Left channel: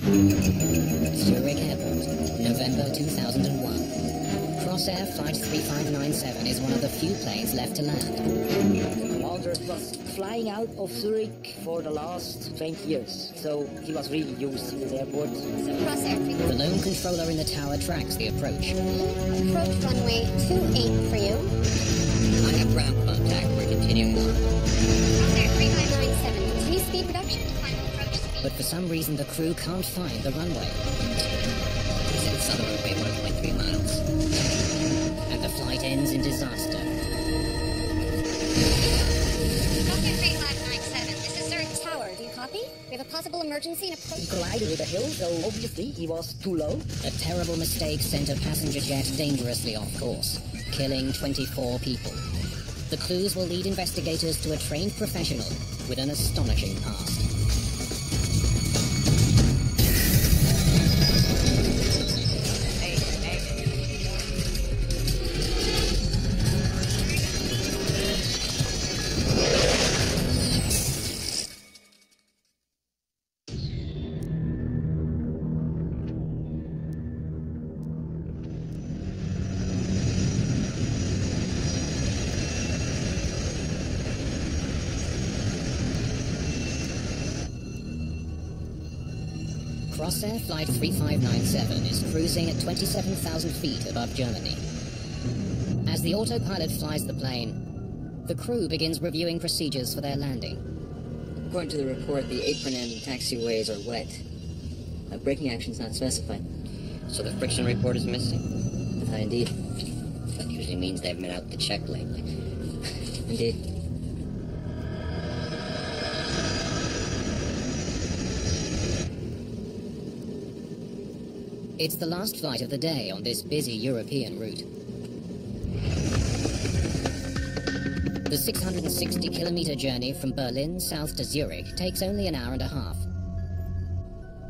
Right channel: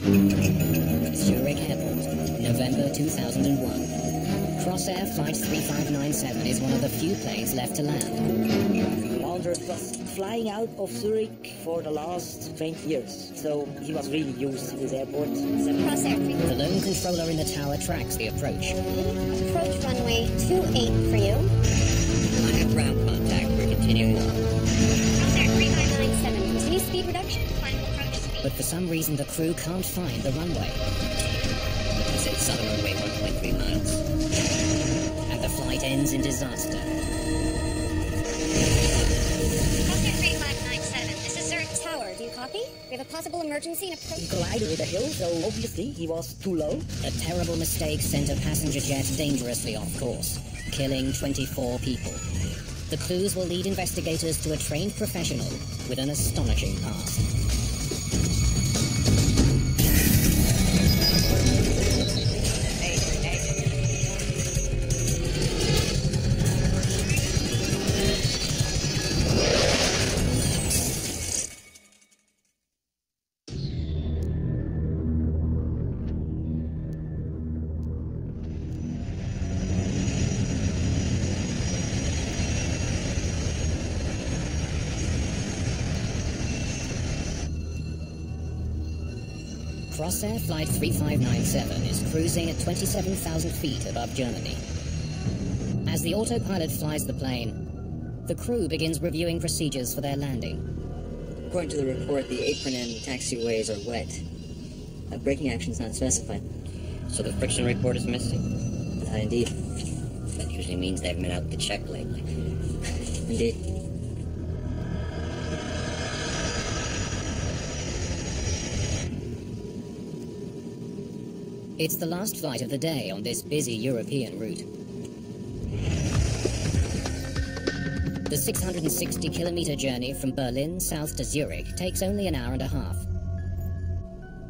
Zurich Airport, November 2001. Crossair Flight 3597 is one of the few planes left to land. The commander was flying out of Zurich for the last 20 years, so he was really used to this airport. Crossair. The lone controller in the tower tracks the approach. Approach runway 28 for you. I have ground contact. We're continuing on. Crossair 3597. Continue speed reduction to final approach speed. But for some reason the crew can't find the runway. He said it's southern runway 1.3 miles. And the flight ends in disaster. Crossair 3597. This is Zurich Tower. Do you copy? We have a possible emergency and approach. He collided with a hill, so obviously he was too low. A terrible mistake sent a passenger jet dangerously off course, killing 24 people. The clues will lead investigators to a trained professional with an astonishing past. Crossair Flight 3597 is cruising at 27,000 feet above Germany. As the autopilot flies the plane, the crew begins reviewing procedures for their landing. According to the report, the apron and taxiways are wet. Braking action's not specified. So the friction report is missing? Indeed. That usually means they haven't been out to check lately. Indeed. It's the last flight of the day on this busy European route. The 660-kilometer journey from Berlin south to Zurich takes only an hour and a half.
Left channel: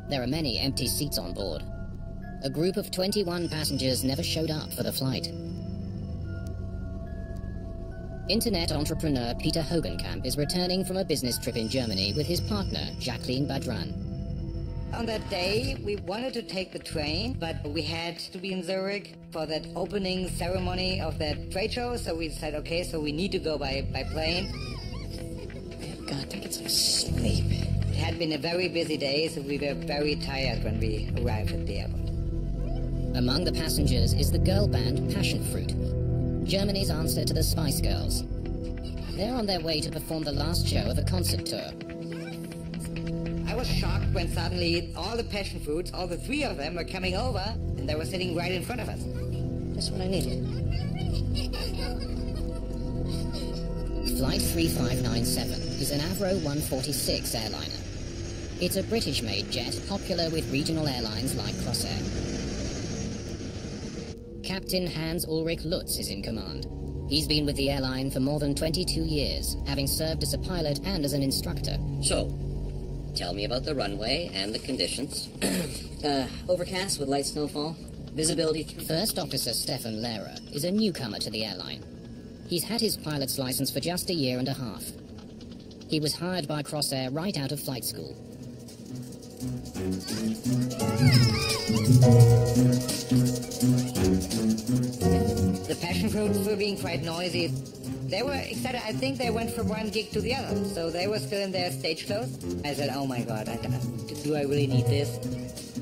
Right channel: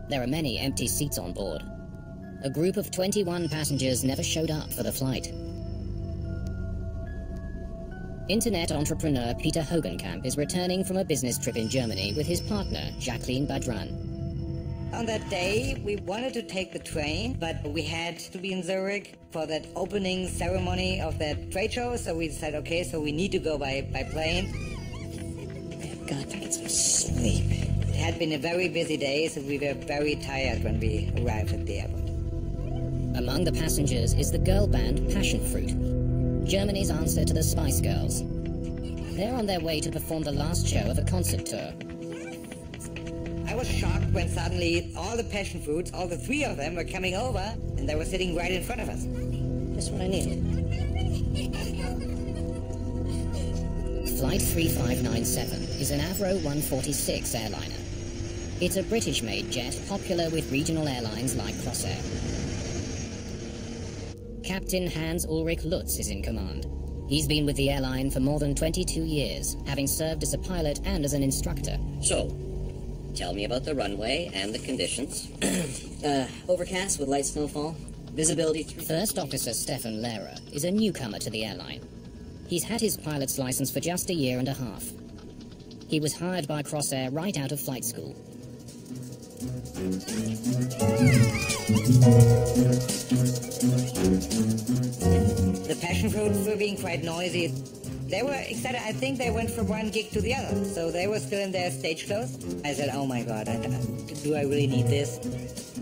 There are many empty seats on board. A group of 21 passengers never showed up for the flight. Internet entrepreneur Peter Hogenkamp is returning from a business trip in Germany with his partner, Jacqueline Badran. On that day, we wanted to take the train, but we had to be in Zurich for that opening ceremony of that trade show, so we said, okay, so we need to go by plane. I've got to get some sleep. It had been a very busy day, so we were very tired when we arrived at the airport. Among the passengers is the girl band Passion Fruit, Germany's answer to the Spice Girls. They're on their way to perform the last show of a concert tour. I was shocked when suddenly all the passion fruits, all the three of them, were coming over, and they were sitting right in front of us. Just what I needed. Flight 3597 is an Avro 146 airliner. It's a British-made jet popular with regional airlines like Crossair. Captain Hans-Ulrich Lutz is in command. He's been with the airline for more than 22 years, having served as a pilot and as an instructor. So, tell me about the runway and the conditions. Overcast with light snowfall. Visibility 3. First Officer Stefan Lehrer is a newcomer to the airline. He's had his pilot's license for just a year and a half. He was hired by Crossair right out of flight school. The passion fruits were being quite noisy. They were excited. I think they went from one gig to the other, so they were still in their stage clothes. I said, oh my God, do I really need this?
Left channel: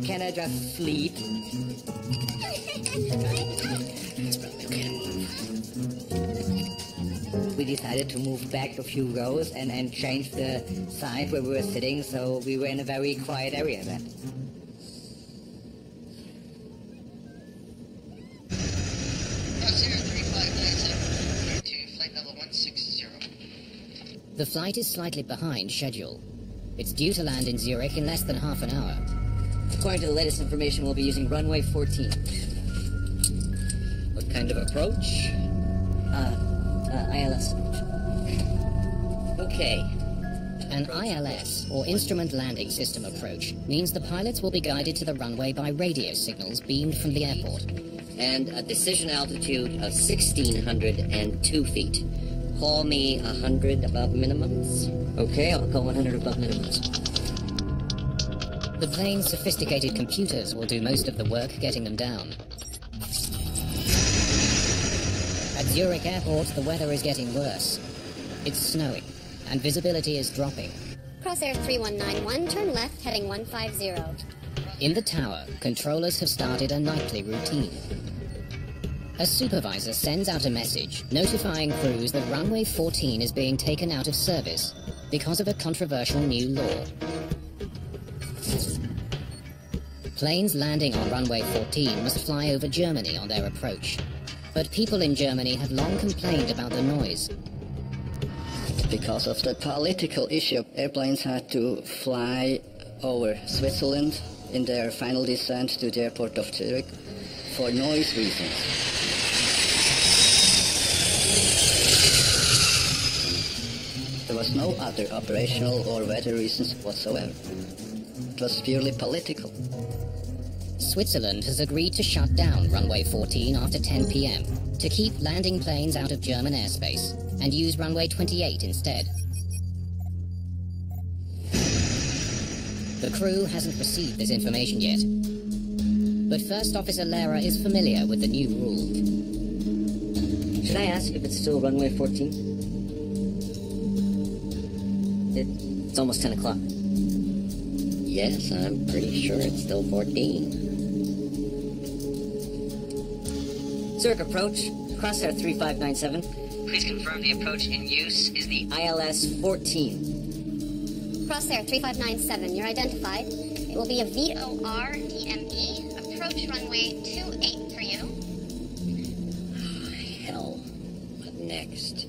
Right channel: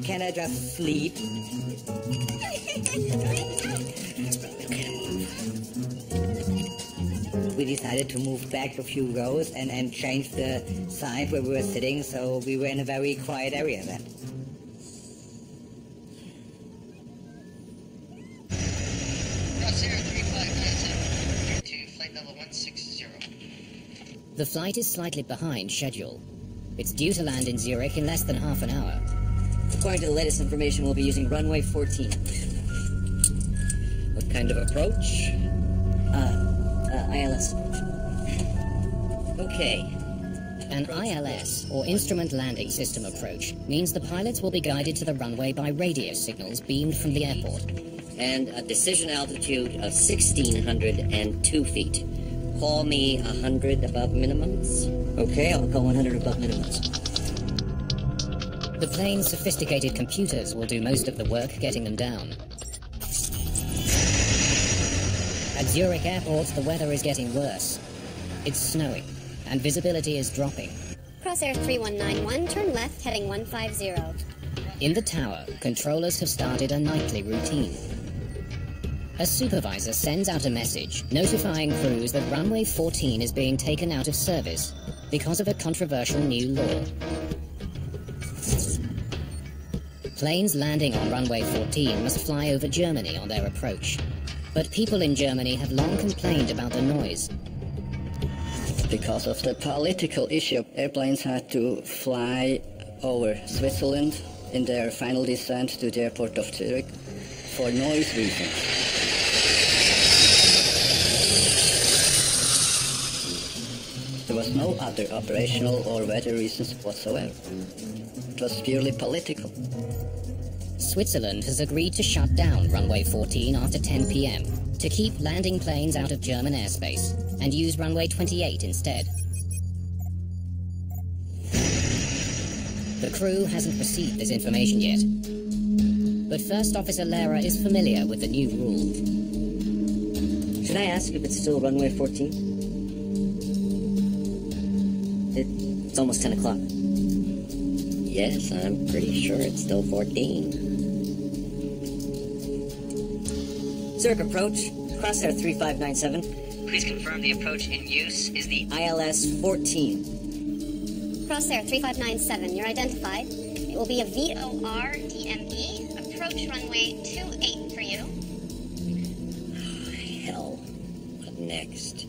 Can I just sleep? It's probably okay to move. We decided to move back a few rows and change the side where we were sitting, so we were in a very quiet area then. Crossair 3597, clear to flight level 160. The flight is slightly behind schedule. It's due to land in Zurich in less than half an hour. According to the latest information, we'll be using runway 14. What kind of approach? ILS approach. Okay. An ILS, or Instrument Landing System approach, means the pilots will be guided to the runway by radio signals beamed from the airport. And a decision altitude of 1,602 feet. Call me 100 above minimums. Okay, I'll call 100 above minimums. The plane's sophisticated computers will do most of the work getting them down. At Zurich Airport, the weather is getting worse. It's snowing, and visibility is dropping. Crossair 3191, turn left, heading 150. In the tower, controllers have started a nightly routine. A supervisor sends out a message notifying crews that runway 14 is being taken out of service because of a controversial new law. Planes landing on runway 14 must fly over Germany on their approach. But people in Germany have long complained about the noise. Because of the political issue, airplanes had to fly over Switzerland in their final descent to the airport of Zurich for noise reasons. There was no other operational or weather reasons whatsoever. It was purely political. Switzerland has agreed to shut down runway 14 after 10 p.m. to keep landing planes out of German airspace and use runway 28 instead. The crew hasn't received this information yet, but First Officer Lehrer is familiar with the new rule. Should I ask if it's still runway 14? It's almost 10 o'clock. Yes, I'm pretty sure it's still 14. Zurich approach, Crossair 3597. Please confirm the approach in use is the ILS 14. Crossair 3597, you're identified. It will be a VOR DME. Approach runway 28 for you. Oh, hell. What next?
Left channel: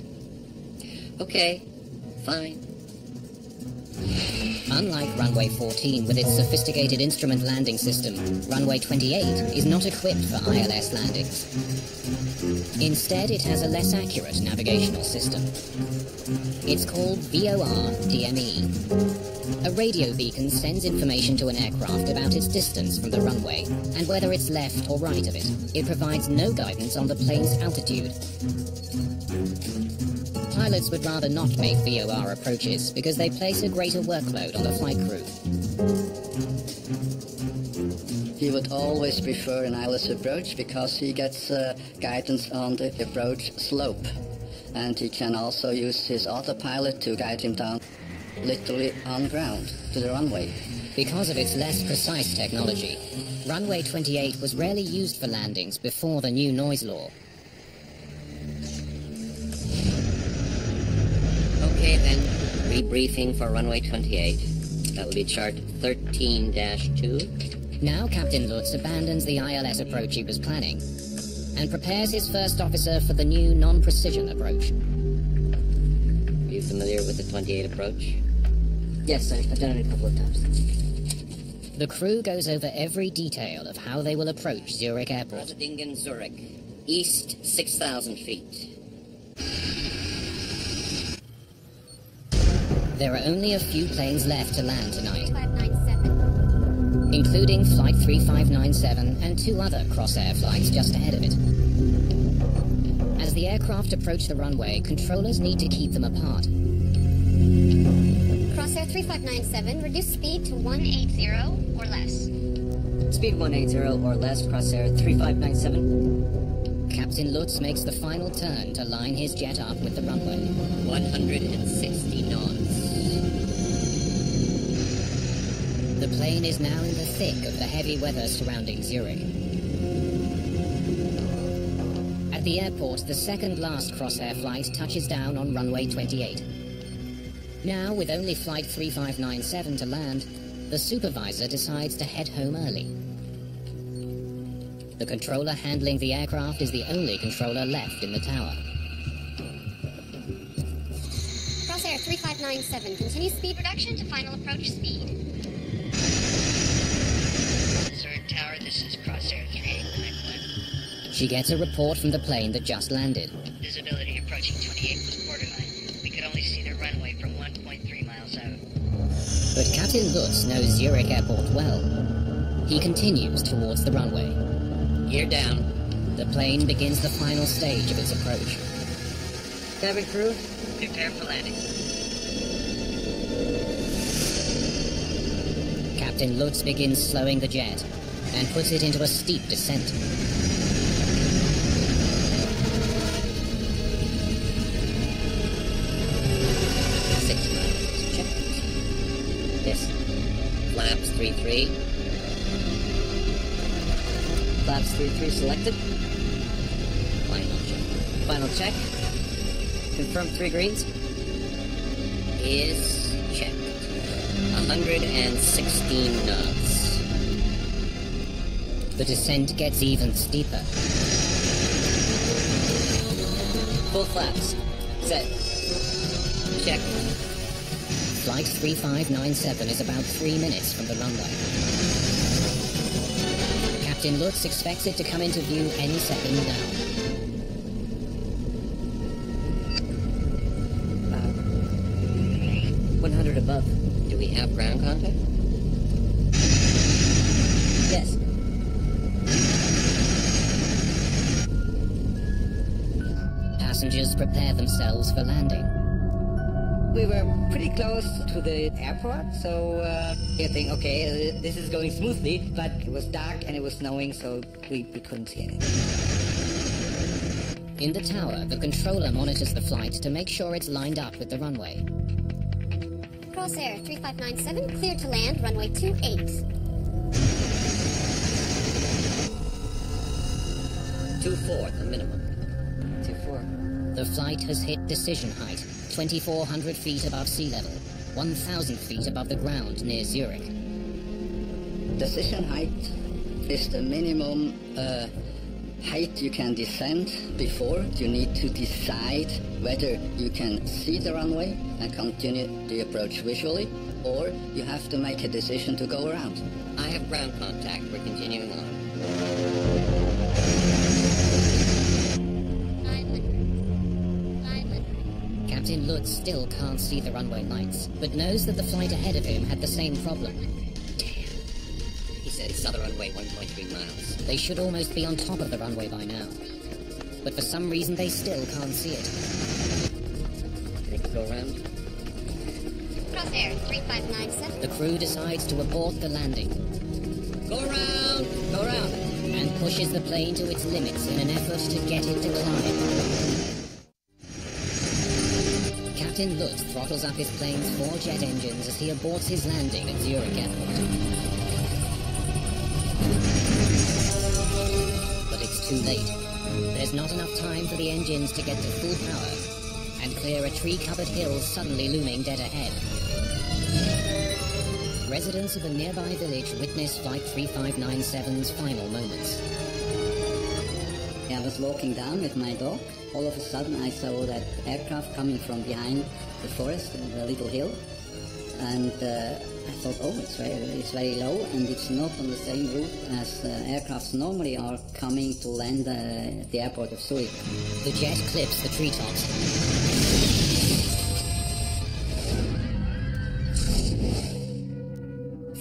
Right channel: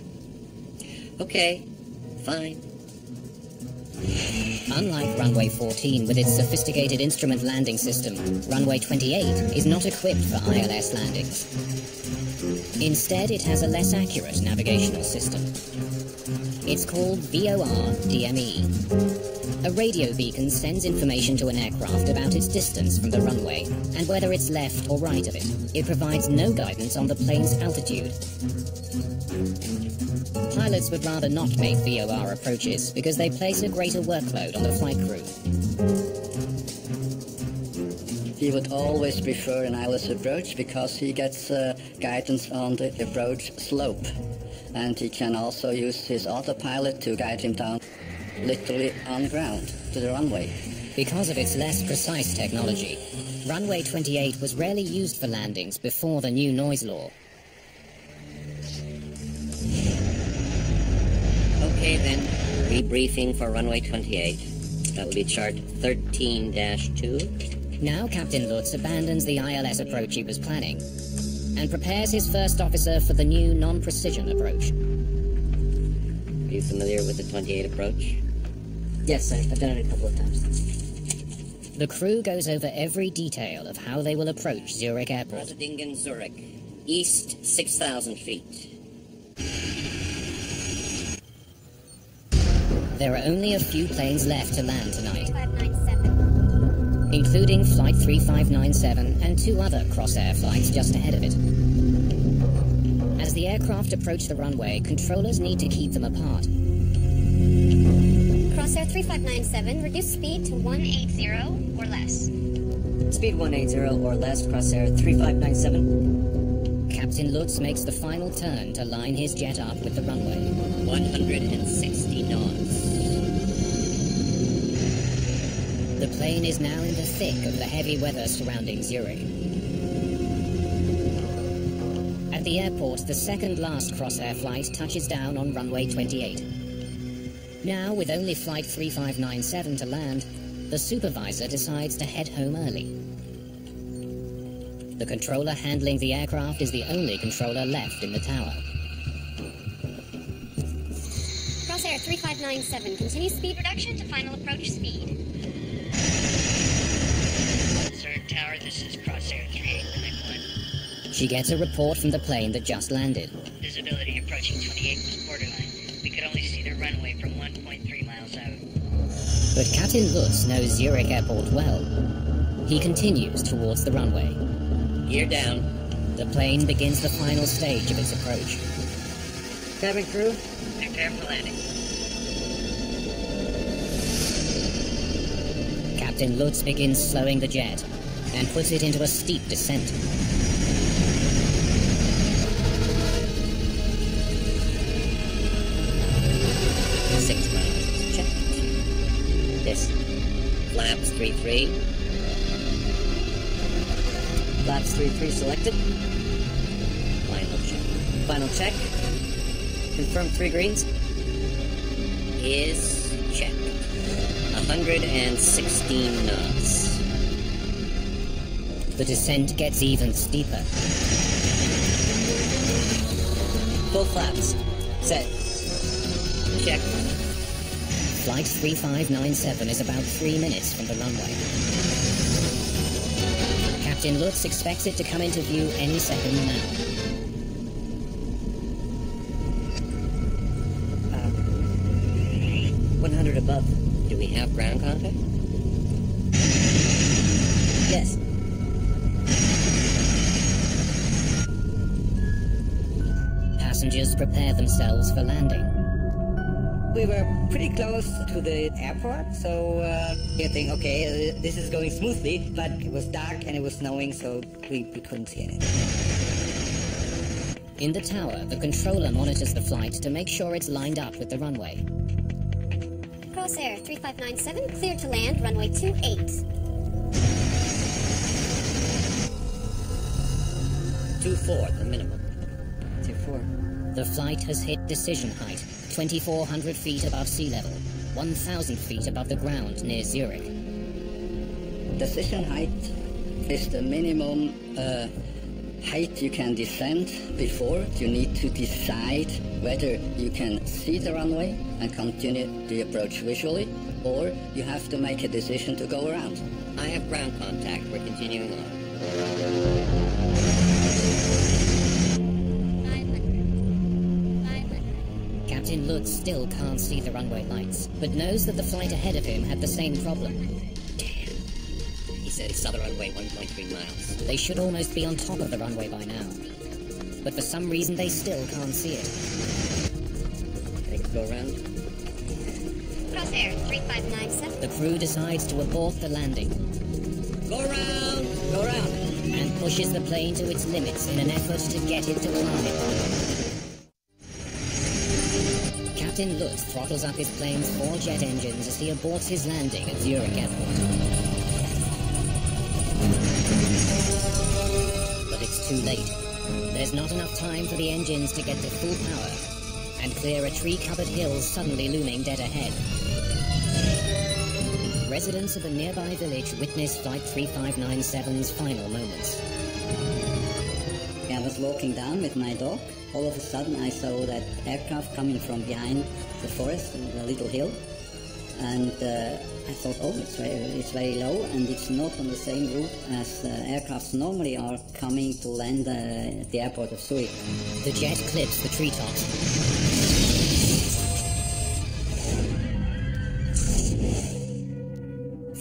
Okay, fine. Unlike runway 14 with its sophisticated instrument landing system, runway 28 is not equipped for ILS landings. Instead, it has a less accurate navigational system. It's called VOR DME. A radio beacon sends information to an aircraft about its distance from the runway and whether it's left or right of it. It provides no guidance on the plane's altitude. Pilots would rather not make VOR approaches because they place a greater workload on the flight crew. He would always prefer an ILS approach because he gets guidance on the approach slope. And he can also use his autopilot to guide him down literally on ground to the runway. Because of its less precise technology, runway 28 was rarely used for landings before the new noise law. Okay then, rebriefing for runway 28. That will be chart 13-2. Now Captain Lutz abandons the ILS approach he was planning and prepares his first officer for the new non-precision approach. Are you familiar with the 28 approach? Yes, I've done it a couple of times. The crew goes over every detail of how they will approach Zurich Airport. Rosadingen, Zurich. East 6,000 feet. There are only a few planes left to land tonight, 597. including Flight 3597 and 2 other Crossair flights just ahead of it. As the aircraft approach the runway, controllers need to keep them apart. Crossair 3597, reduce speed to 180 or less. Speed 180 or less, Crossair 3597. Captain Lutz makes the final turn to line his jet up with the runway. 160 knots. The plane is now in the thick of the heavy weather surrounding Zurich. At the airport, the second last Crossair flight touches down on runway 28. Now, with only Flight 3597 to land, the supervisor decides to head home early. The controller handling the aircraft is the only controller left in the tower. Crossair 3597, continue speed reduction to final approach speed. Zurich Tower, this is Crossair 3891. She gets a report from the plane that just landed. Visibility approaching 28 was borderline. We could only see the runway from 1.3 miles out. But Captain Lutz knows Zurich Airport well. He continues towards the runway. Gear down. The plane begins the final stage of its approach. Cabin crew, Prepare for landing. Captain Lutz begins slowing the jet and puts it into a steep descent. 6 miles is checked. Yes. Flaps 3-3. Flaps 3-3 selected. Final check. Final check. Confirm 3 greens. Is checked. 116 knots. The descent gets even steeper. Full flaps. Set. Checked. Flight 3597 is about 3 minutes from the runway. Captain Lutz expects it to come into view any second now. Uh, 100 above. Do we have ground contact? Yes. Passengers prepare themselves for landing. We were pretty close to the airport, so you think, okay, this is going smoothly, but it was dark and it was snowing, so we couldn't see anything. In the tower, the controller monitors the flight to make sure it's lined up with the runway. Crossair 3597, cleared to land, runway 28. 2-4, the minimum. 2-4. The flight has hit decision height, 2,400 feet above sea level, 1,000 feet above the ground near Zurich. Decision height is the minimum height you can descend before you need to decide whether you can see the runway and continue the approach visually, or you have to make a decision to go around. I have ground contact. We're continuing on. 500. Captain Lutz still can't see the runway lights, but knows that the flight ahead of him had the same problem. Damn. He said he saw the runway 1.3 miles. They should almost be on top of the runway by now. But for some reason they still can't see it. They could go around. Crossair 3597. The crew decides to abort the landing. Go around! Go around! And pushes the plane to its limits in an effort to get it to climb. Captain Lutz throttles up his plane's 4 jet engines as he aborts his landing at Zurich Airport. But it's too late. There's not enough time for the engines to get to full power and clear a tree-covered hill suddenly looming dead ahead. Residents of a nearby village witness Flight 3597's final moments. I was walking down with my dog. All of a sudden I saw that aircraft coming from behind the forest, the little hill. And I thought, oh, it's very low and it's not on the same route as aircrafts normally are coming to land at the airport of Zurich. The jet clips the treetops.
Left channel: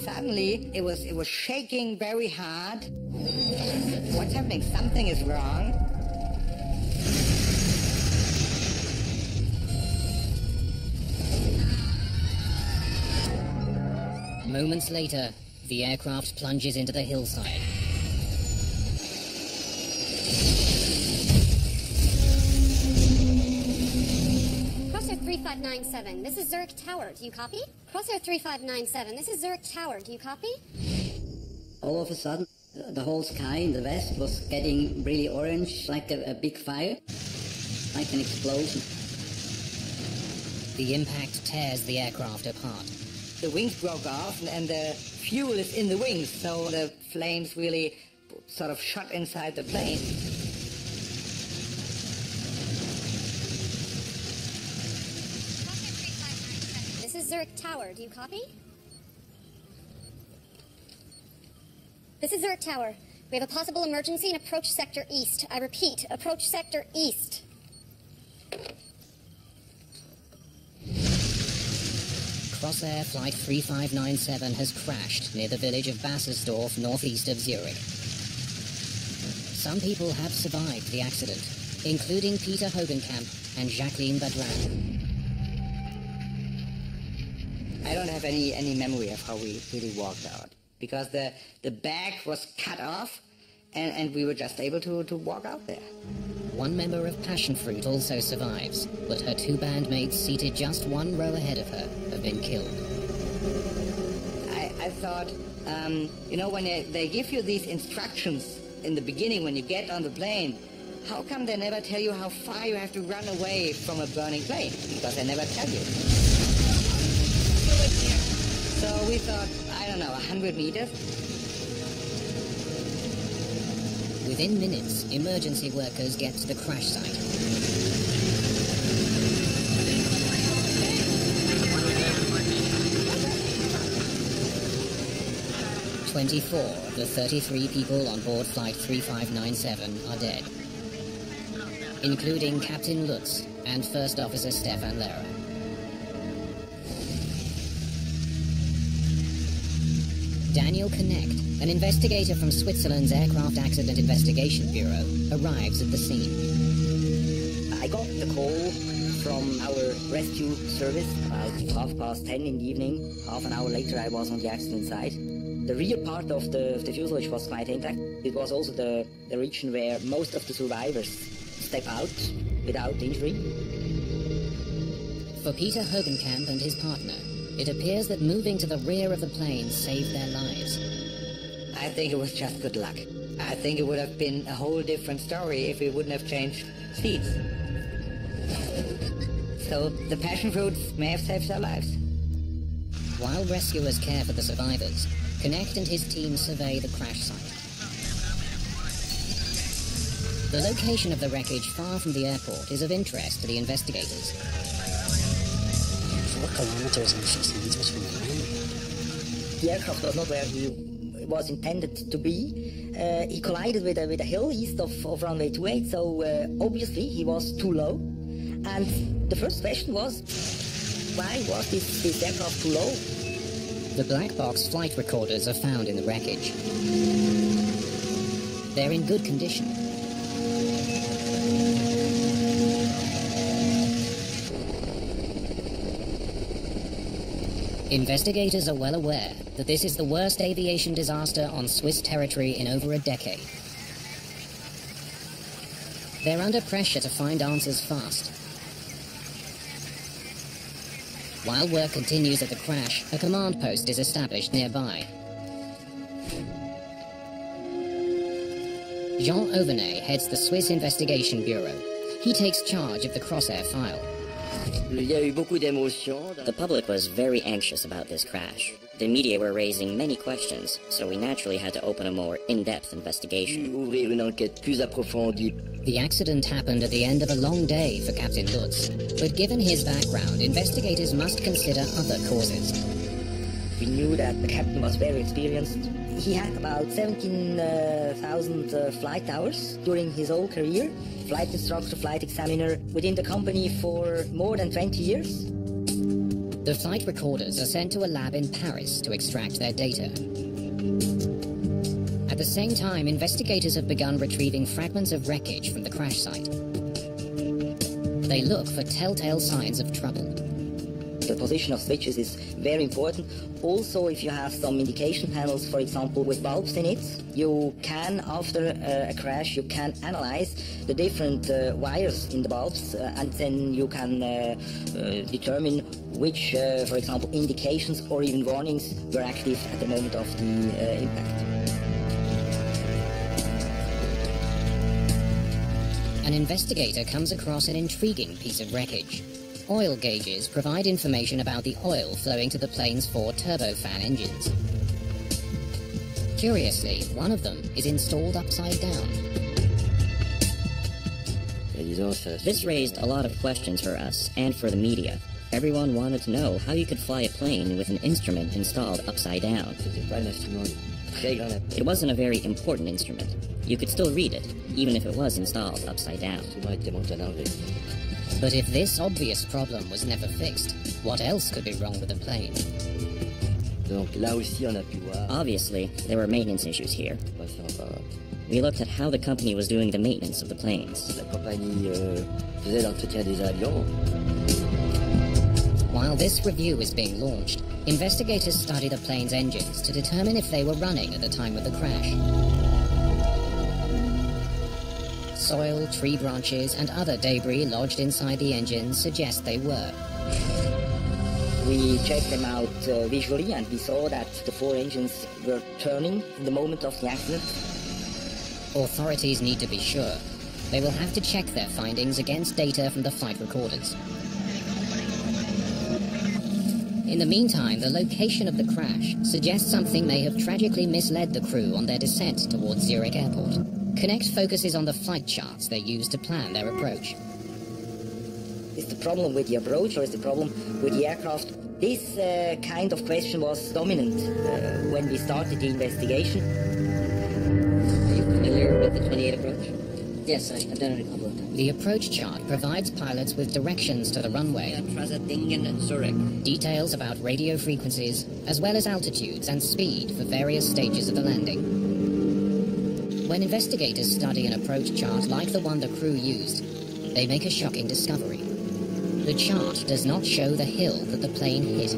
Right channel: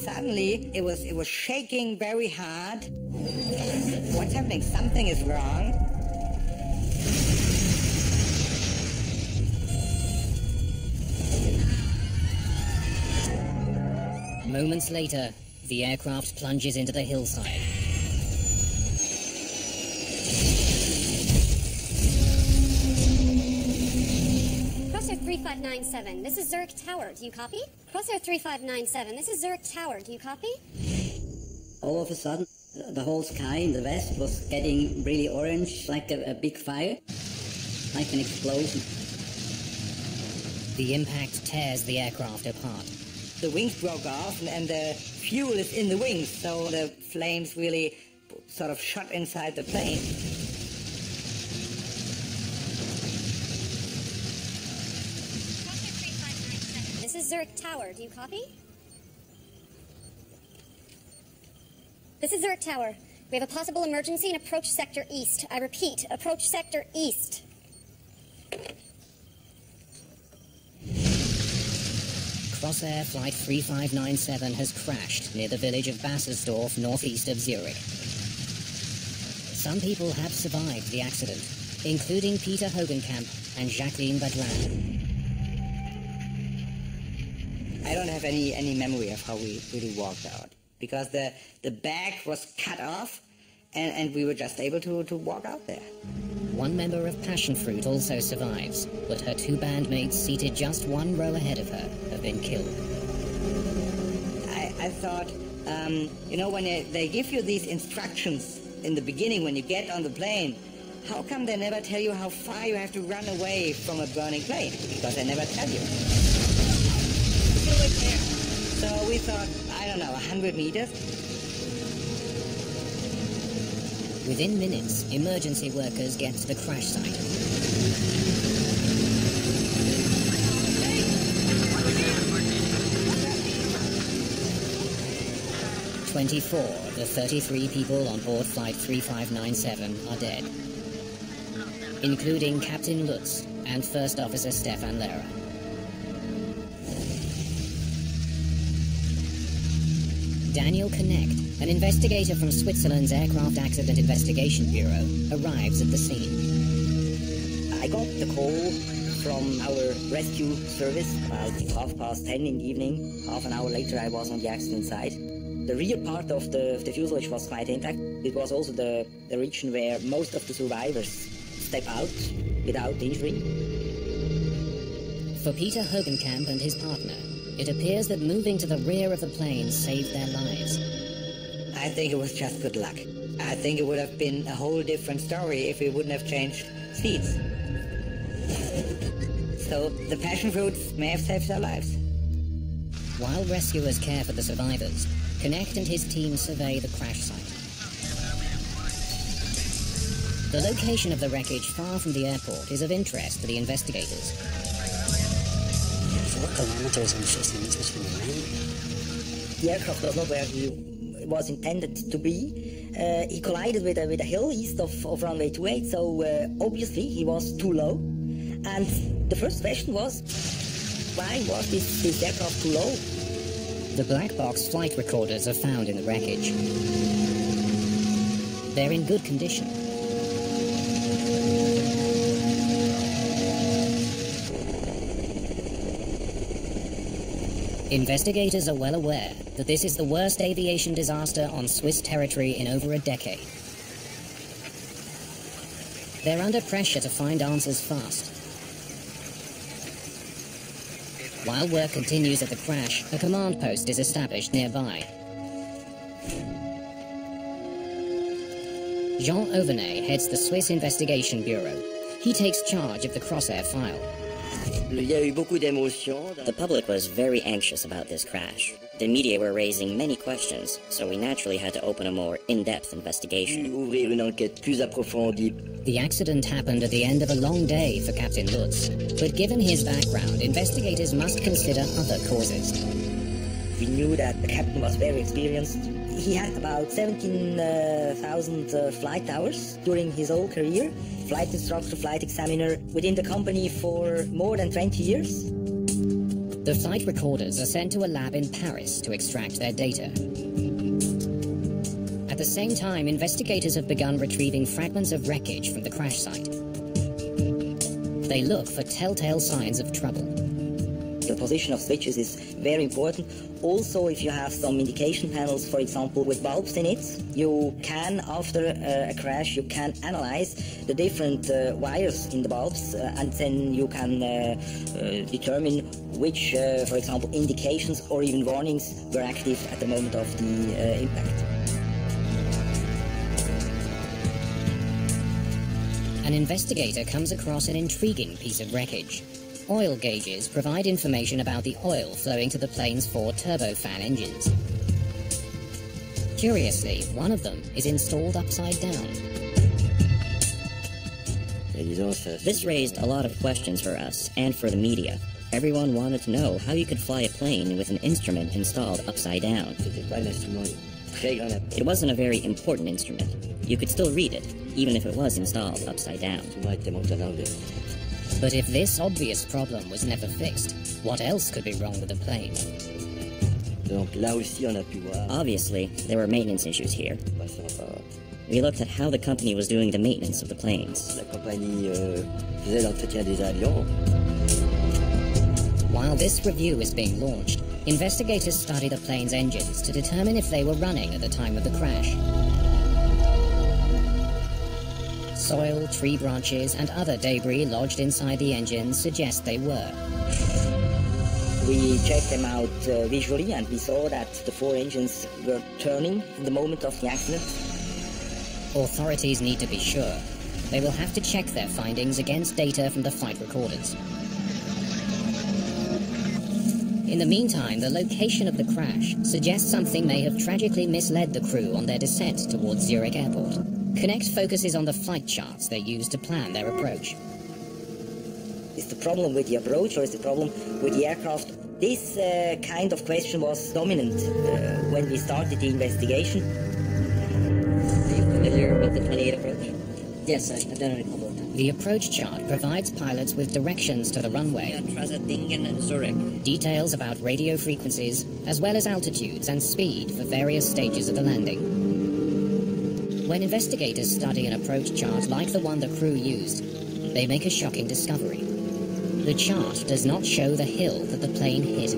Suddenly, it was shaking very hard. What's happening? Something is wrong. Moments later, the aircraft plunges into the hillside. Crossair 3597, this is Zurich Tower, do you copy? Crossair 3597, this is Zurich Tower, do you copy? All of a sudden, the whole sky in the west was getting really orange, like a big fire, like an explosion. The impact tears the aircraft apart. The wings broke off and the fuel is in the wings, so the flames really sort of shot inside the plane. Crossair 3597, this is Zurich Tower, do you copy? This is Zurich Tower. We have a possible emergency in approach sector east. I repeat, approach sector east. Crossair Flight 3597 has crashed near the village of Bassersdorf, northeast of Zurich. Some people have survived the accident, including Peter Hogenkamp and Jacqueline Badran. I don't have any memory of how we really walked out, because the bag was cut off, and we were just able to walk out there. One member of Passion Fruit also survives, but her two bandmates seated just one row ahead of her have been killed. I thought, you know, when they give you these instructions in the beginning when you get on the plane, how come they never tell you how far you have to run away from a burning plane? Because they never tell you. Get away from here. So we thought, I don't know, 100 meters? Within minutes, emergency workers get to the crash site. Hey, over here! Over here! 24 of the 33 people on board Flight 3597 are dead, including Captain Lutz and First Officer Stefan Lehrer. Daniel Connect, an investigator from Switzerland's Aircraft Accident Investigation Bureau, arrives at the scene. I got the call from our rescue service about 10:30 in the evening. Half an hour later I was on the accident site. The rear part of the fuselage was quite intact. It was also the region where most of the survivors step out without injury. For Peter Hogenkamp and his partner, it appears that moving to the rear of the plane saved their lives. I think it was just good luck. I think it would have been a whole different story if we wouldn't have changed seats. So the passion fruits may have saved their lives. While rescuers care for the survivors, Connect and his team survey the crash site. The location of the wreckage far from the airport is of interest to the investigators. 4 kilometers and 15 meters from the land. The aircraft was not where he was intended to be. He collided with a hill east of runway 28, so obviously he was too low. And the first question was, why was this aircraft too low? The black box flight recorders are found in the wreckage. They're in good condition. Investigators are well aware that this is the worst aviation disaster on Swiss territory in over a decade. They're under pressure to find answers fast. While work continues at the crash, a command post is established nearby. Jean Auvernet heads the Swiss Investigation Bureau. He takes charge of the Crossair file. The public was very anxious about this crash. The media were raising many questions, so we naturally had to open a more in-depth investigation. The accident happened at the end of a long day for Captain Lutz, but given his background, investigators must consider other causes. We knew that the captain was very experienced. He had about 17,000 flight hours during his whole career. Flight instructor, flight examiner, within the company for more than 20 years. The flight recorders are sent to a lab in Paris to extract their data. At the same time, investigators have begun retrieving fragments of wreckage from the crash site. They look for telltale signs of trouble. The position of switches is very important. Also, if you have some indication panels, for example, with bulbs in it, you can, after a crash, you can analyze the different wires in the bulbs, and then you can determine which, for example, indications or even warnings were active at the moment of the impact. An investigator comes across an intriguing piece of wreckage. Oil gauges provide information about the oil flowing to the plane's 4 turbofan engines. Curiously, one of them is installed upside down. This raised a lot of questions for us and for the media. Everyone wanted to know how you could fly a plane with an instrument installed upside down. It wasn't a very important instrument. You could still read it, even if it was installed upside down. But if this obvious problem was never fixed, what else could be wrong with the plane? Obviously, there were maintenance issues here. We looked at how the company was doing the maintenance of the planes. While this review is being launched, investigators study the plane's engines to determine if they were running at the time of the crash. Soil, tree branches, and other debris lodged inside the engines suggest they were. We checked them out visually, and we saw that the 4 engines were turning in the moment of the accident. Authorities need to be sure. They will have to check their findings against data from the flight recorders. In the meantime, the location of the crash suggests something may have tragically misled the crew on their descent towards Zurich Airport. Connect focuses on the flight charts they used to plan their approach. Is the problem with the approach, or is the problem with the aircraft? This kind of question was dominant when we started the investigation. Are you familiar with the 28 approach? Yes, I've done it a couple of times. The approach chart provides pilots with directions to the runway, Zurich. details about radio frequencies, as well as altitudes and speed for various stages of the landing. When investigators study an approach chart like the one the crew used, they make a shocking discovery. The chart does not show the hill that the plane hit.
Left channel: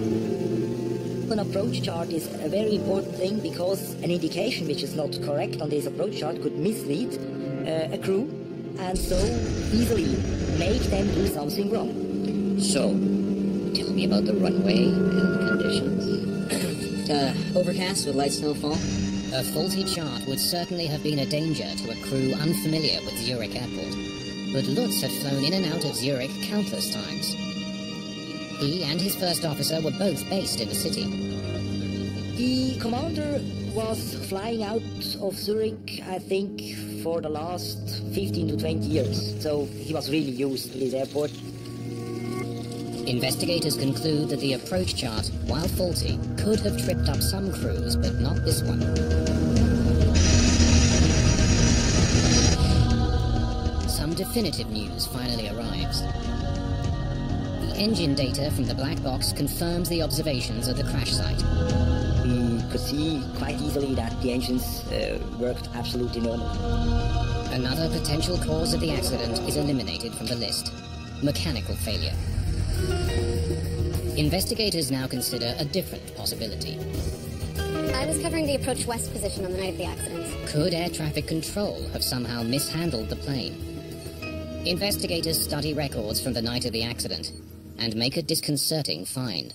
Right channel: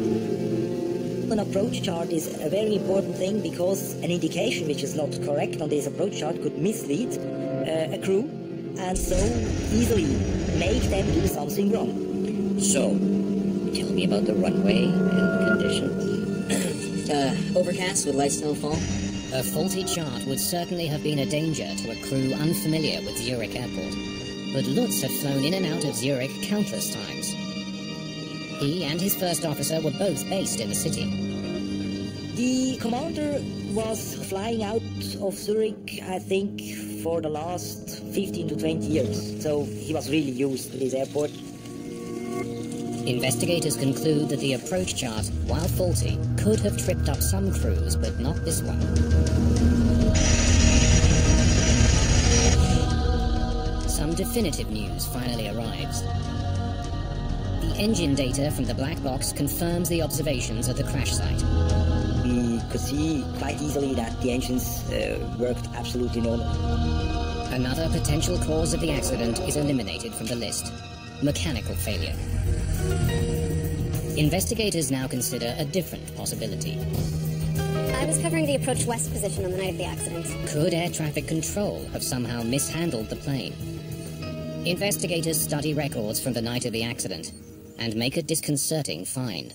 An approach chart is a very important thing, because an indication which is not correct on this approach chart could mislead a crew, and so easily make them do something wrong. So, tell me about the runway and the conditions. Overcast with light snowfall. A faulty chart would certainly have been a danger to a crew unfamiliar with Zurich Airport. But Lutz had flown in and out of Zurich countless times. He and his first officer were both based in the city. The commander was flying out of Zurich, I think, for the last 15 to 20 years. So he was really used to this airport. Investigators conclude that the approach chart, while faulty, could have tripped up some crews, but not this one. Some definitive news finally arrives. The engine data from the black box confirms the observations at the crash site. We could see quite easily that the engines worked absolutely normally. Another potential cause of the accident is eliminated from the list: mechanical failure. Investigators now consider a different possibility. I was covering the approach west position on the night of the accident. Could air traffic control have somehow mishandled the plane? Investigators study records from the night of the accident and make a disconcerting find.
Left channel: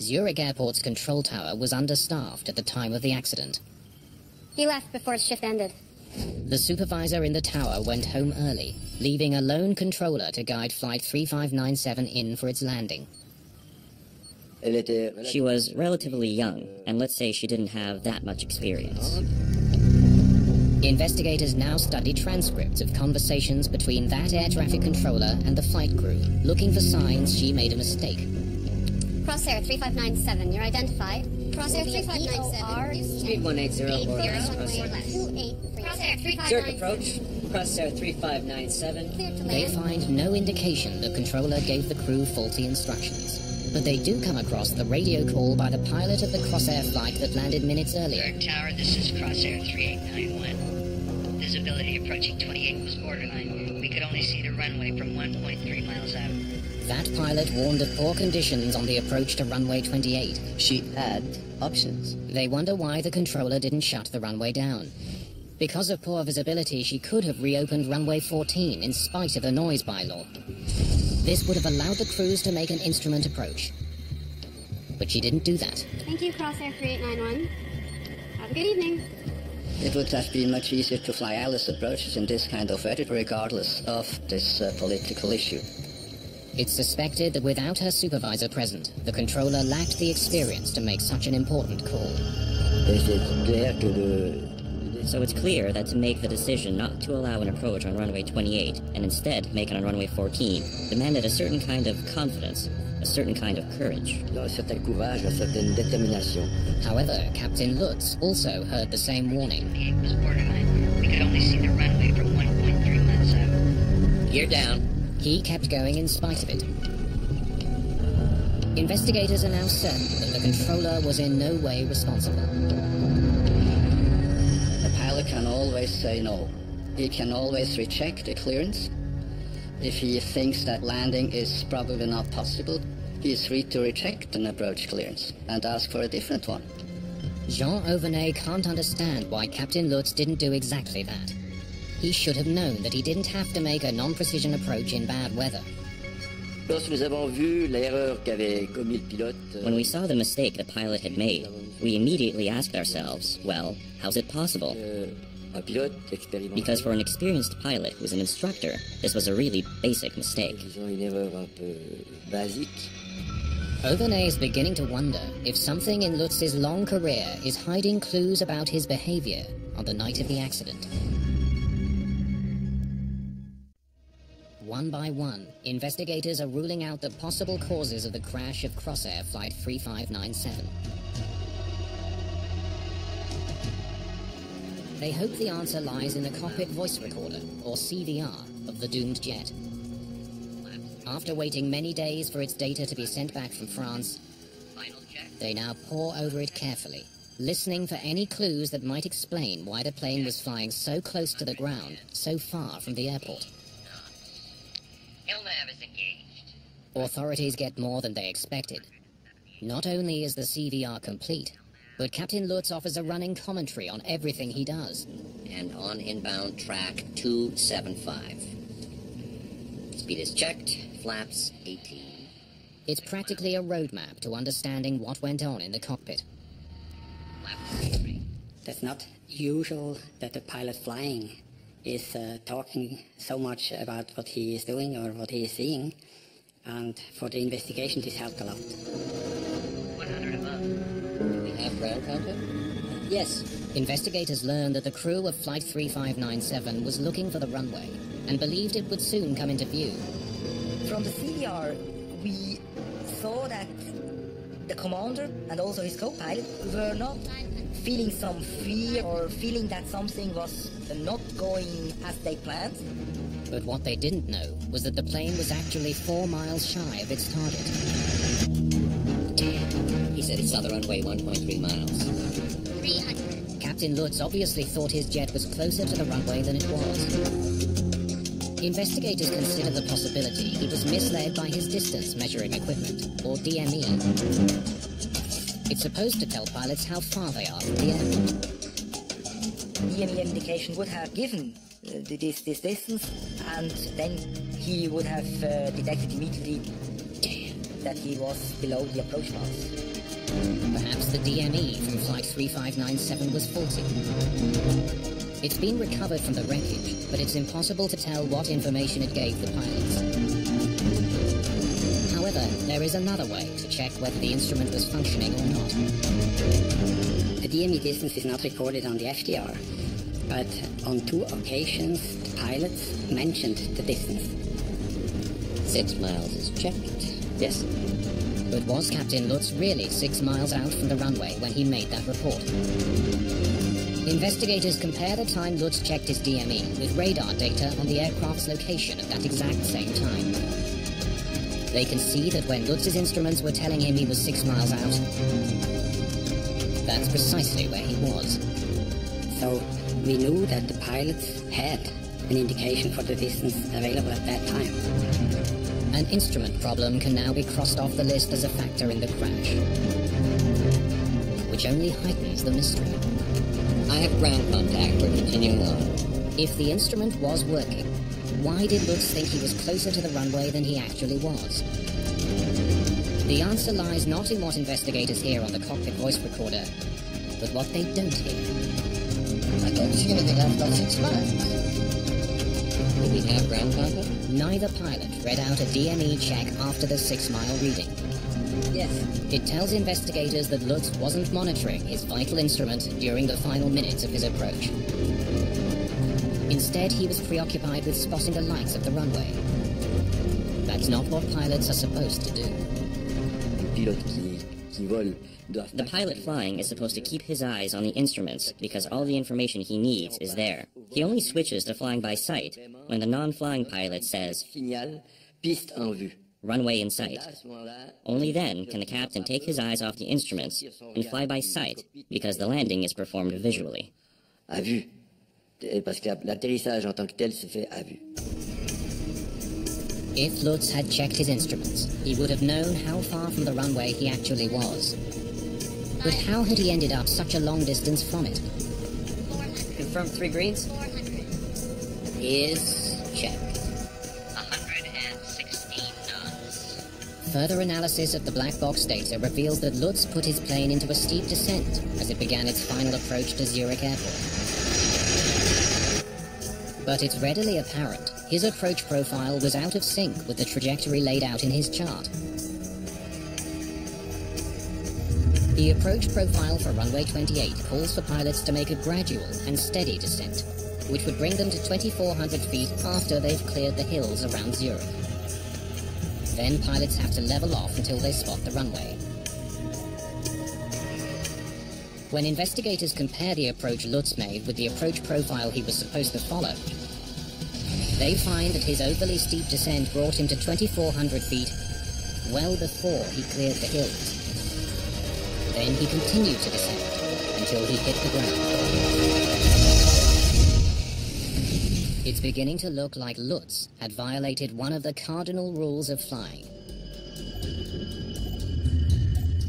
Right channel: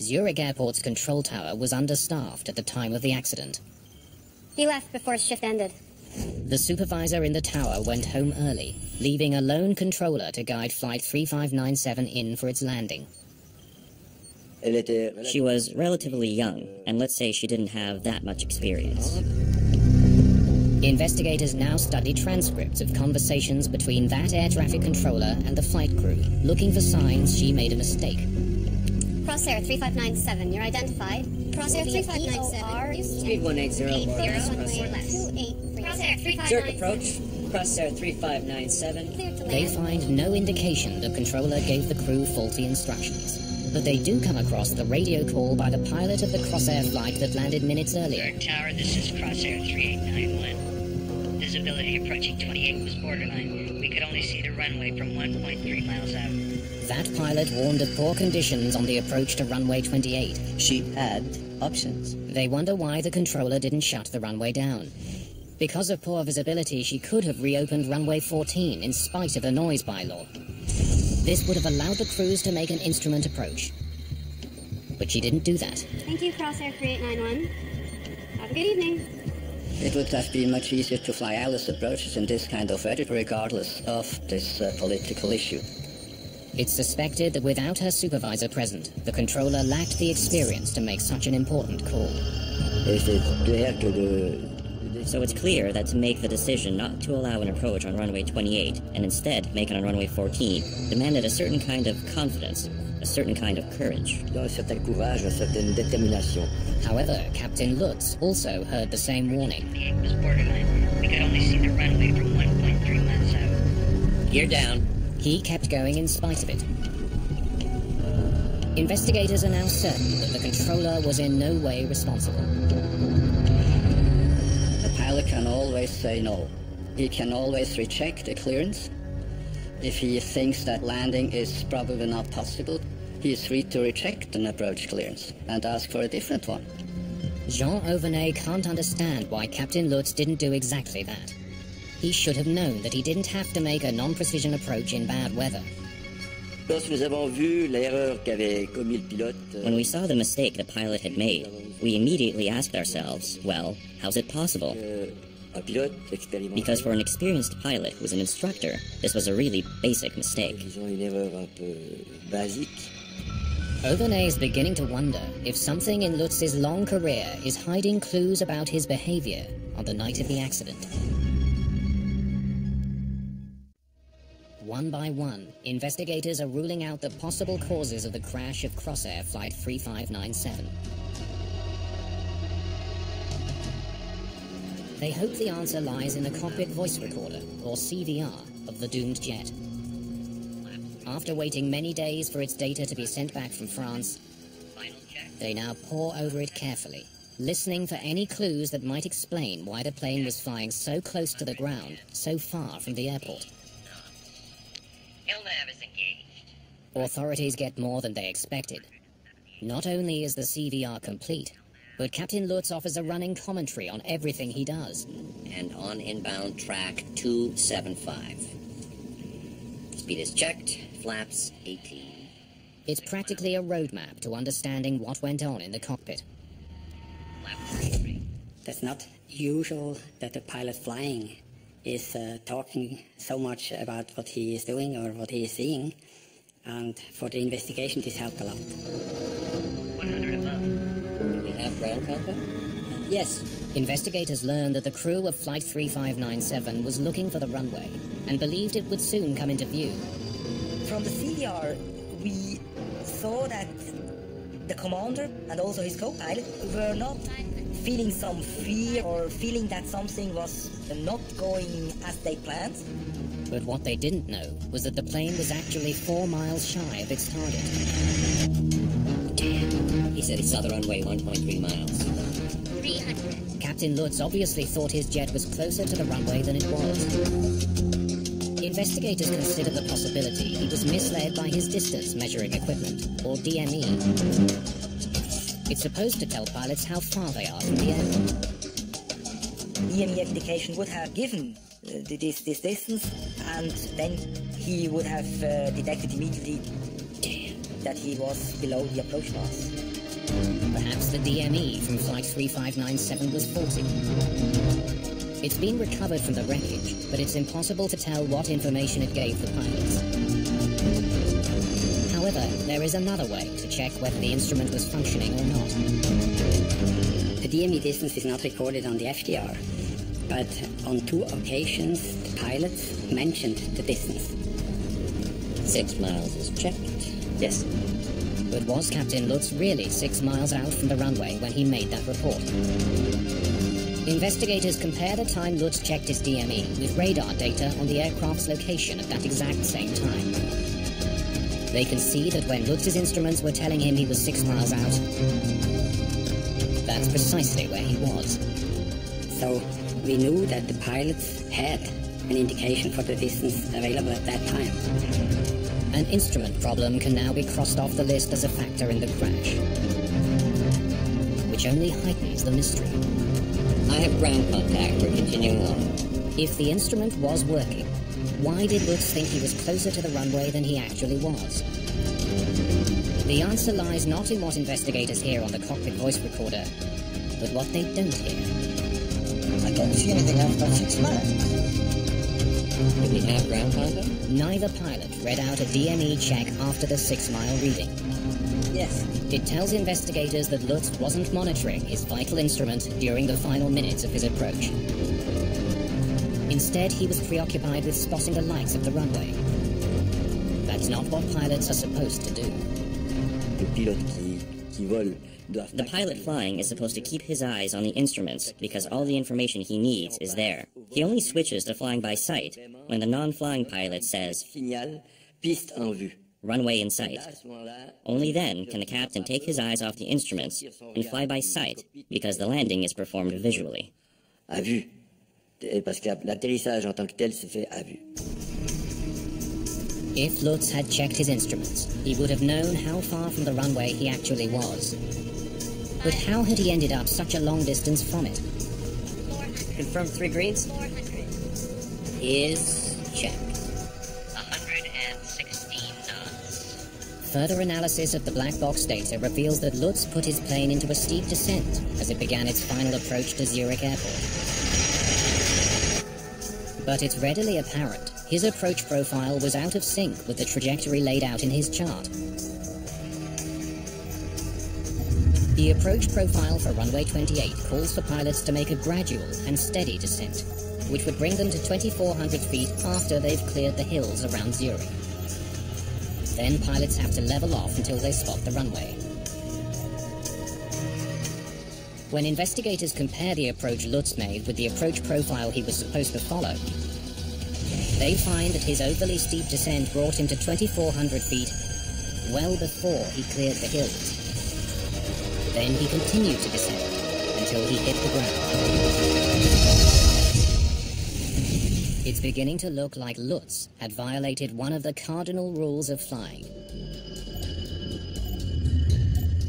Zurich Airport's control tower was understaffed at the time of the accident. He left before his shift ended. The supervisor in the tower went home early, leaving a lone controller to guide Flight 3597 in for its landing. She was relatively young, and let's say she didn't have that much experience. Investigators now study transcripts of conversations between that air traffic controller and the flight crew, looking for signs she made a mistake. Crosshair 3597, you're identified. Crosshair 3597. Speed 180 or less. Crosshair 3597. Zurich approach. Crosshair 3597. Cleared to land. They find no indication the controller gave the crew faulty instructions. But they do come across the radio call by the pilot of the Crosshair flight that landed minutes earlier. Zurich Tower, this is Crosshair 3891. Visibility approaching 28 was borderline. We could only see the runway from 1.3 miles out. That pilot warned of poor conditions on the approach to runway 28. She had options. They wonder why the controller didn't shut the runway down. Because of poor visibility, she could have reopened runway 14 in spite of the noise bylaw. This would have allowed the crews to make an instrument approach. But she didn't do that. Thank you, Crosshair 3891. Have a good evening. It would have been much easier to fly ILS approaches in this kind of weather, regardless of this political issue. It's suspected that without her supervisor present, the controller lacked the experience to make such an important call. So it's clear that to make the decision not to allow an approach on runway 28 and instead make it on runway 14 demanded a certain kind of confidence, a certain kind of courage. However, Captain Lutz also heard the same warning. 28 was borderline. We could only see the runway from 1.3 miles out. Gear down. He kept going in spite of it. Investigators are now certain that the controller was in no way responsible. The pilot can always say no. He can always reject the clearance if he thinks that landing is probably not possible. he is free to reject an approach clearance and ask for a different one. Jean Auvernet can't understand why Captain Lutz didn't do exactly that. He should have known that he didn't have to make a non-precision approach in bad weather. When we saw the mistake the pilot had made, we immediately asked ourselves, well, how's it possible? Because for an experienced pilot who was an instructor, this was a really basic mistake. Auvernet is beginning to wonder if something in Lutz's long career is hiding clues about his behavior on the night of the accident. One by one, investigators are ruling out the possible causes of the crash of Crossair Flight 3597. They hope the answer lies in the cockpit voice recorder, or CVR, of the doomed jet. After waiting many days for its data to be sent back from France, they now pore over it carefully, listening for any clues that might explain why the plane was flying so close to the ground, so far from the airport. Authorities get more than they expected. Not only is the CVR complete, but Captain Lutz offers a running commentary on everything he does. And on inbound track 275. Speed is checked, flaps 18. It's practically a roadmap to understanding what went on in the cockpit. That's not usual that the pilot flying is talking so much about what he is doing or what he is seeing. And for the investigation, this helped a lot. 100 above. Do we have ground contact? Yes. Investigators learned that the crew of Flight 3597 was looking for the runway and believed it would soon come into view. From the CVR, we saw that the commander and also his co-pilot were not feeling some fear or feeling that something was not going as they planned. But what they didn't know was that the plane was actually 4 miles shy of its target. Damn. He said he saw the runway 1.3 miles. 300. Captain Lutz obviously thought his jet was closer to the runway than it was. Investigators consider the possibility he was misled by his distance measuring equipment, or DME. It's supposed to tell pilots how far they are from the airport. DME indication would have given this distance, and then he would have detected immediately that he was below the approach path. Perhaps the DME from Flight 3597 was faulty. It's been recovered from the wreckage, but it's impossible to tell what information it gave the pilots. However, there is another way to check whether the instrument was functioning or not. The DME distance is not recorded on the FDR, but on 2 occasions the pilots mentioned the distance. 6 miles is checked. Yes. But was Captain Lutz really 6 miles out from the runway when he made that report? Investigators compare the time Lutz checked his DME with radar data on the aircraft's location at that exact same time. They can see that when Lutz's instruments were telling him he was 6 miles out, that's precisely where he was. So we knew that the pilots had an indication for the distance available at that time. An instrument problem can now be crossed off the list as a factor in the crash, which only heightens the mystery. I have ground contact. We're continuing on. If the instrument was working, why did Lutz think he was closer to the runway than he actually was? The answer lies not in what investigators hear on the cockpit voice recorder, but what they don't hear. I don't see anything after 6 miles. Do we have ground contact? Neither pilot read out a DME check after the 6-mile reading. Yes. It tells investigators that Lutz wasn't monitoring his vital instrument during the final minutes of his approach. Instead, he was preoccupied with spotting the lights of the runway. That's not what pilots are supposed to do. The pilot flying is supposed to keep his eyes on the instruments because all the information he needs is there. He only switches to flying by sight when the non-flying pilot says, runway in sight. Only then can the captain take his eyes off the instruments and fly by sight because the landing is performed visually. À vue. Parce que l'atterrissage en tant que tel se fait à vue. If Lutz had checked his instruments, he would have known how far from the runway he actually was. But how had he ended up such a long distance from it? 400. Confirm 3 greens? 400. Is check. 116 knots. Further analysis of the black box data reveals that Lutz put his plane into a steep descent as it began its final approach to Zurich Airport. But it's readily apparent his approach profile was out of sync with the trajectory laid out in his chart. The approach profile for runway 28 calls for pilots to make a gradual and steady descent, which would bring them to 2,400 feet after they've cleared the hills around Zurich. Then pilots have to level off until they spot the runway. When investigators compare the approach Lutz made with the approach profile he was supposed to follow, they find that his overly steep descent brought him to 2,400 feet well before he cleared the hills. Then he continued to descend until he hit the ground. It's beginning to look like Lutz had violated one of the cardinal rules of flying.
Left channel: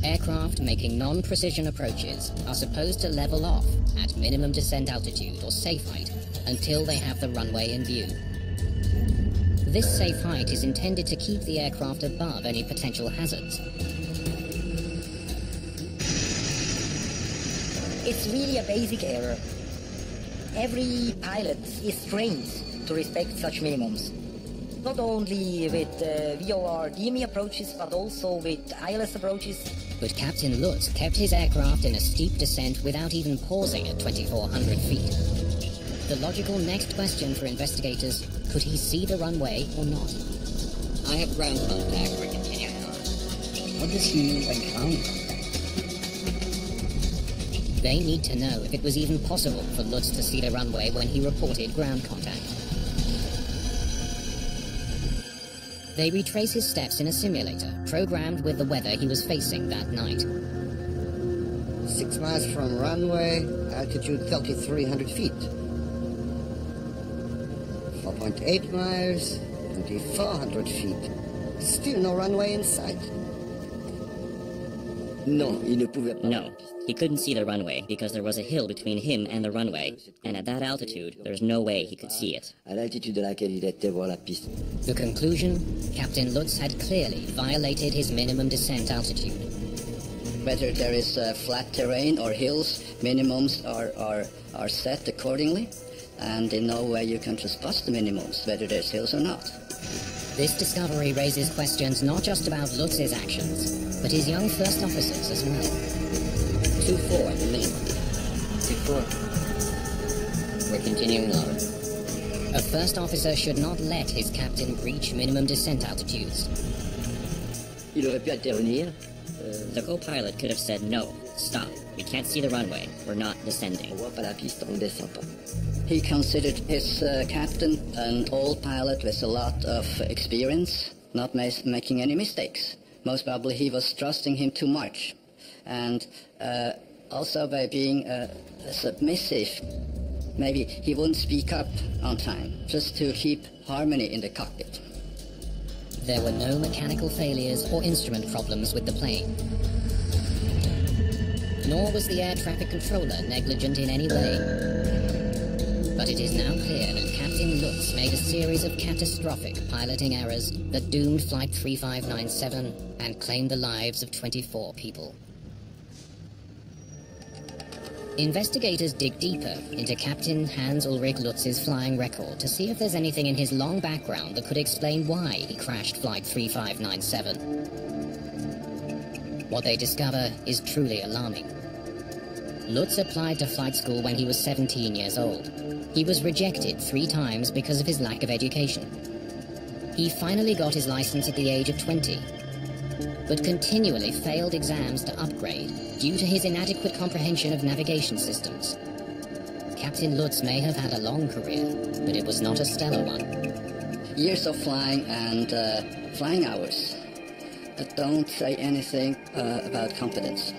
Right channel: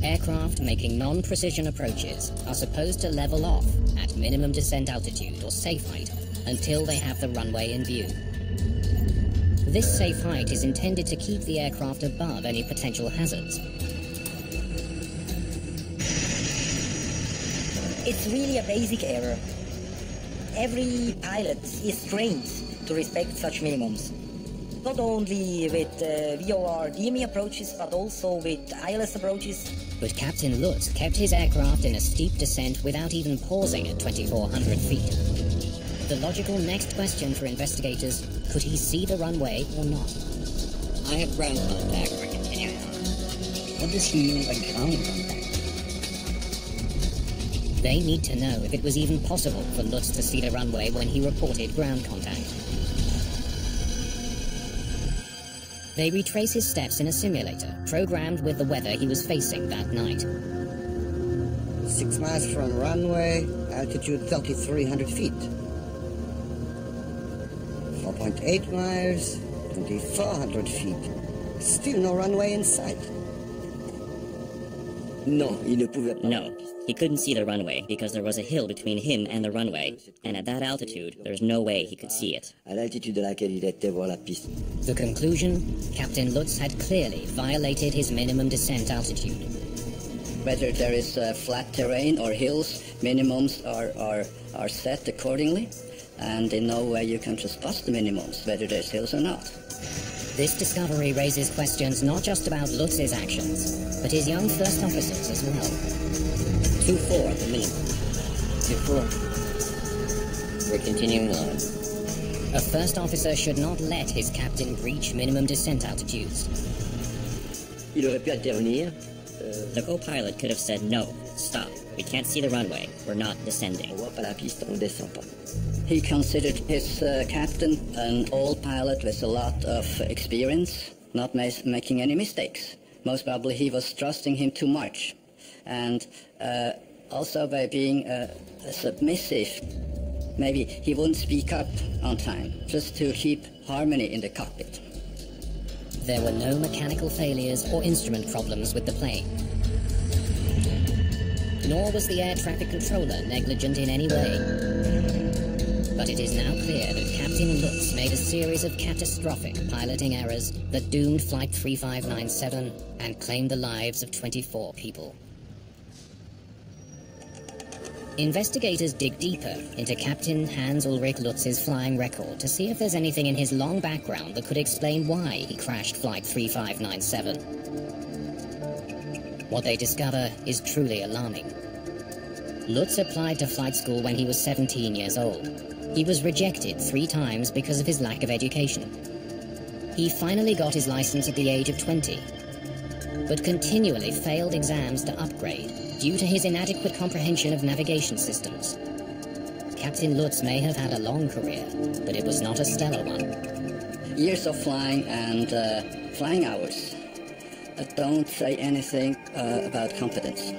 Aircraft making non-precision approaches are supposed to level off at minimum descent altitude or safe height until they have the runway in view. This safe height is intended to keep the aircraft above any potential hazards. It's really a basic error. Every pilot is trained to respect such minimums. Not only with VOR DME approaches, but also with ILS approaches. But Captain Lutz kept his aircraft in a steep descent without even pausing at 2,400 feet. The logical next question for investigators, could he see the runway or not? I have ground contact. We're continuing on. What does he mean by ground contact? They need to know if it was even possible for Lutz to see the runway when he reported ground contact. They retrace his steps in a simulator, programmed with the weather he was facing that night. 6 miles from runway, altitude 3,300 feet. 4.8 miles, 2,400 feet. Still no runway in sight. No, he couldn't see the runway because there was a hill between him and the runway, and at that altitude, there's no way he could see it. The conclusion? Captain Lutz had clearly violated his minimum descent altitude. Whether there is flat terrain or hills, minimums are set accordingly, and in no way you can just bust the minimums, whether there's hills or not. This discovery raises questions not just about Lutz's actions, but his young first officers as well. 2-4, the minimum. 2-4. We're continuing on. A first officer should not let his captain breach minimum descent altitudes. The co-pilot could have said, no, stop, we can't see the runway, we're not descending. He considered his captain an old pilot with a lot of experience, not making any mistakes. Most probably he was trusting him too much. And also by being submissive, maybe he wouldn't speak up on time, just to keep harmony in the cockpit. There were no mechanical failures or instrument problems with the plane. Nor was the air traffic controller negligent in any way. But it is now clear that Captain Lutz made a series of catastrophic piloting errors that doomed Flight 3597 and claimed the lives of 24 people. Investigators dig deeper into Captain Hans-Ulrich Lutz's flying record to see if there's anything in his long background that could explain why he crashed Flight 3597. What they discover is truly alarming. Lutz applied to flight school when he was 17 years old. He was rejected 3 times because of his lack of education. He finally got his license at the age of 20, but continually failed exams to upgrade due to his inadequate comprehension of navigation systems. Captain Lutz may have had a long career, but it was not a stellar one. Years of flying and flying hours don't say anything about competence.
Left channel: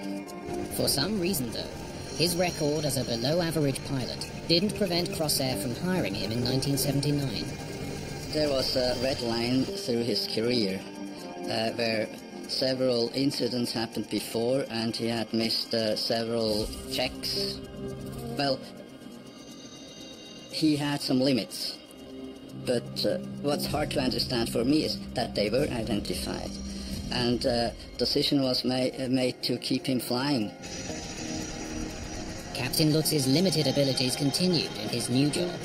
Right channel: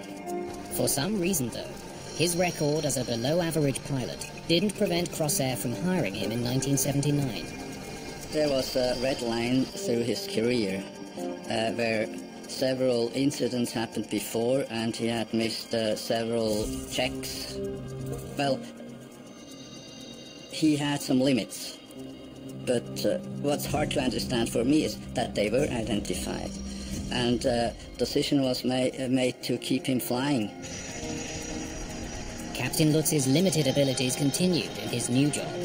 For some reason, though, his record as a below-average pilot didn't prevent Crossair from hiring him in 1979. There was a red line through his career where several incidents happened before and he had missed several checks. Well, he had some limits, but what's hard to understand for me is that they were identified, and decision was made to keep him flying. Captain Lutz's limited abilities continued in his new job.